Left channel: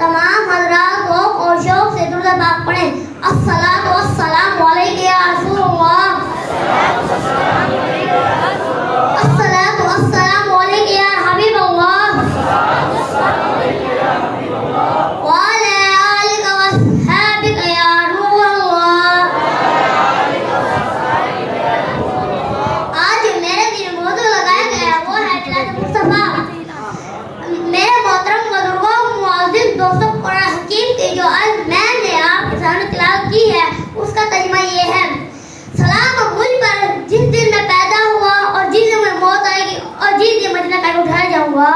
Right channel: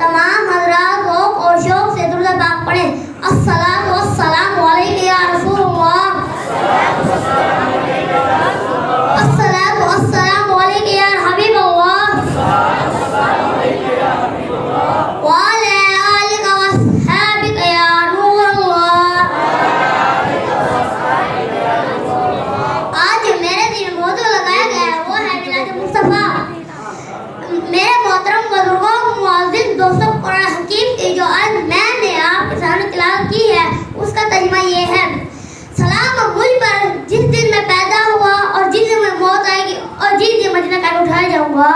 तमाम हज़रात लोग और शौक से दुरूद पाक पढ़ें। अस्सलातु वस्सलामु अलैका या रसूलल्लाह। अस्सलातु वस्सलामु अलैका या हबीबल्लाह। व अला आलिका वअस्हाबिका या नूरल्लाह। आज मेरे दिल में मौजू लगाया गया है वो है मिलाद मुस्तफा। मेरे मोहतरम बुजुर्गों मुअज़्ज़िज़ दोस्तों, कुरान हकीम की जो आज मैंने आपके सामने तिलावत की है उसका तर्जुमा ये है। सलाम मुझ पर जिस दिन मैं पैदा हुआ और जिस दिन मेरी मौत आएगी और जिस दिन मदीना का उठाया जाऊंगा।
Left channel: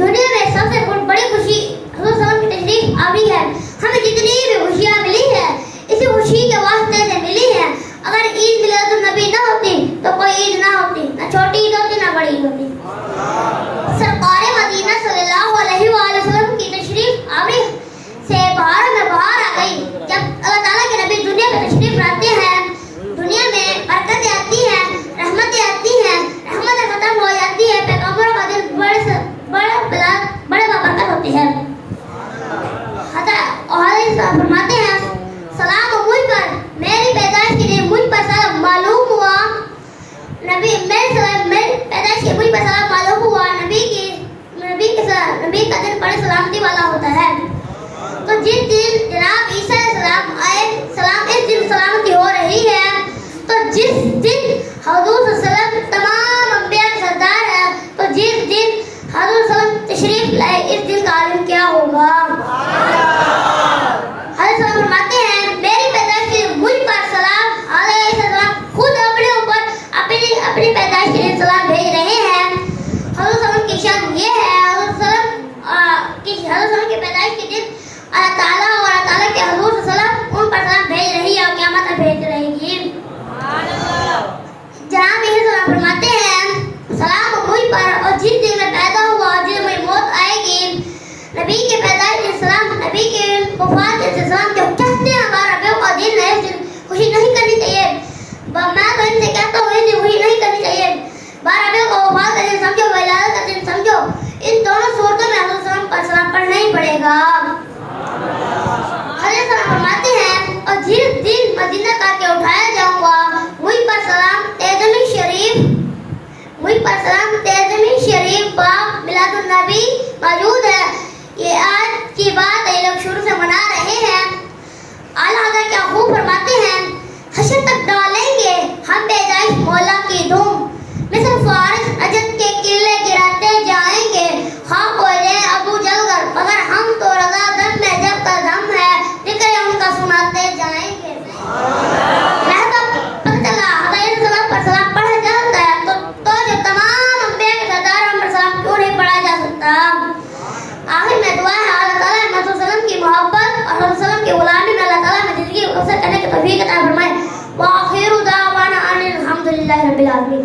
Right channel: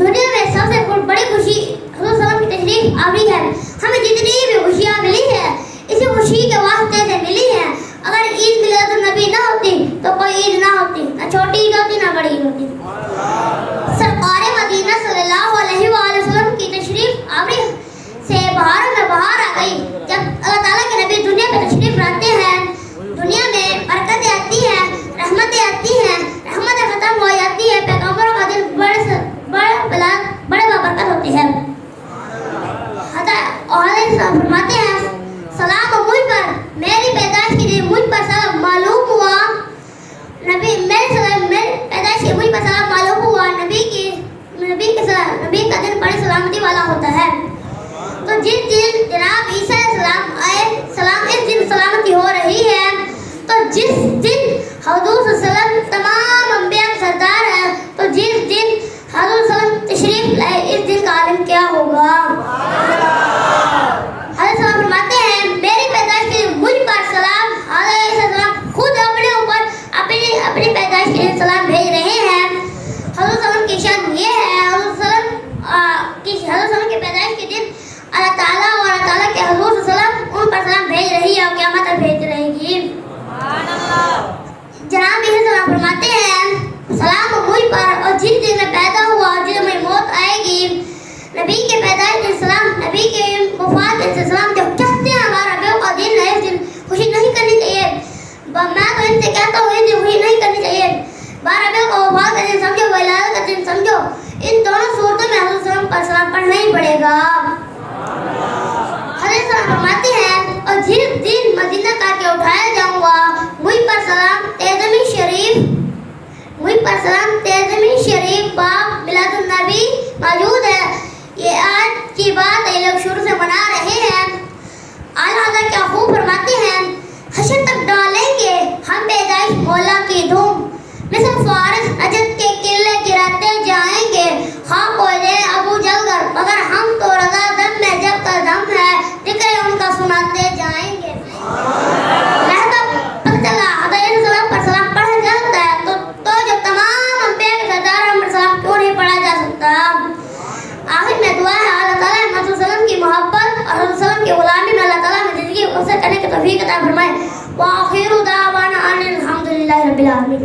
दुनिया में सबसे बड़ी खुशी हज़रत सल्लल्लाहु अलैहि वसल्लम की तशरीफ आवी है। हमें जितनी भी खुशियाँ मिली है इसी खुशी के वास्ते से मिली है। अगर ईद मिलादुन नबी ना होती तो कोई ईद ना होती, ना छोटी ईद होती ना बड़ी ईद होती। सरकार मदीना सल्लल्लाहु अलैहि वसल्लम की तशरीफ आवी से बाहर में बाहर आ गई। जब अल्लाह ताला के नबी दुनिया में तशरीफ लाते हैं, दुनिया में बरकतें आती हैं, रहमतें आती हैं, रहमतें खत्म हो जाती है, पैगंबरों का दिल बड़े बरकत होती है। फरमाते हैं सलाम मुझ पर, मेरी पैदाइश के लिए मुझ पर सलाम मालूम हुआ। नबी पैदाइश के मुझ पर सलाम मालूम हुआ। नबी का दिन बड़ी सलामती वाला होता है। तो जिस दिन जनाब ईसा सलाम आए, सलाम इस दिन सलामती हो रही है। तो जिस दिन हज़ूर सल्लल्लाहु तमाम अंबिया के सरदार है, तो जिस दिन हज़ूर सल्लल्लाहु तशरीफ लाए इस दिन का आलिम क्या होगा। हज़रत फरमाते हैं मेरी पैदाइश के मुझ पर सलाम अलैहिस्सलाम खुद अपने ऊपर अपनी पैदाइश के लिए सलाम भेज रहे हैं। हज़रत सल्लल्लाहु की शान ये है, हज़रत सल्लल्लाहु की पैदाइश के दिन अल्लाह ताला के हज़ूर सल्लल्लाहु उन पर सलाम भेज रही है और क़यामत तक भेज रहेगी। जनाब सलाम फरमाते हैं सलाम मुझ पर और जिस दिन मैं पैदा हुआ और जिस दिन मेरी मौत आएगी। नबी के पैदाइश के सलाम, नबी के वफात के सलाम जब कहते हैं हमारा रबियों का दिन है, इस दिन खुशी नहीं करनी चाहिए। मैं तो इनसे कहता हूँ इस दिन खुशी नहीं करनी चाहिए। 12 रबियों का वफात का दिन समझो, विलादत का दिन समझो। इन दोनों सूरतों में हज़रत सल्लल्लाहु पर सलाम पढ़ना ही पड़ेगा। हज़रत सलाम फरमाते हैं और जिस दिन मदीना करके उठाया जाऊंगा मुझ पर सलाम तेज़मी शरीफ बाग मिलादुन नबी मौजूद है। ये आज की बात है, लोग शुरू से मना रहे हैं। आला क्या खूब फरमाते हैं हशर तक डालेंगे हम पैदाइश मौला की धूम, मिसल फारिस अजद के किले गिराते जाएंगे। हाँ बोले अबू जलगर मगर हम तो रज़ा दम में जब का दम है जिक्र उनका सुनाते जाएंगे। पर सलाम पढ़ा जाता है तो जो तमाम अंबिया के सरदार हम पर सलाम क्यों नहीं पढ़ा जा सकता। आखिर में दुआ है अल्लाह ताला मोहम्मद सल्लल्लाहु की मोहब्बत और सल्लल्लाहु की गुलामी में अल्लाह ताला में जिंदगी को बसर करने की तौफीक अता फरमाए। व आखिरु दावाना अनिल हम्दुलिल्लाहि रब्बिल आलमीन।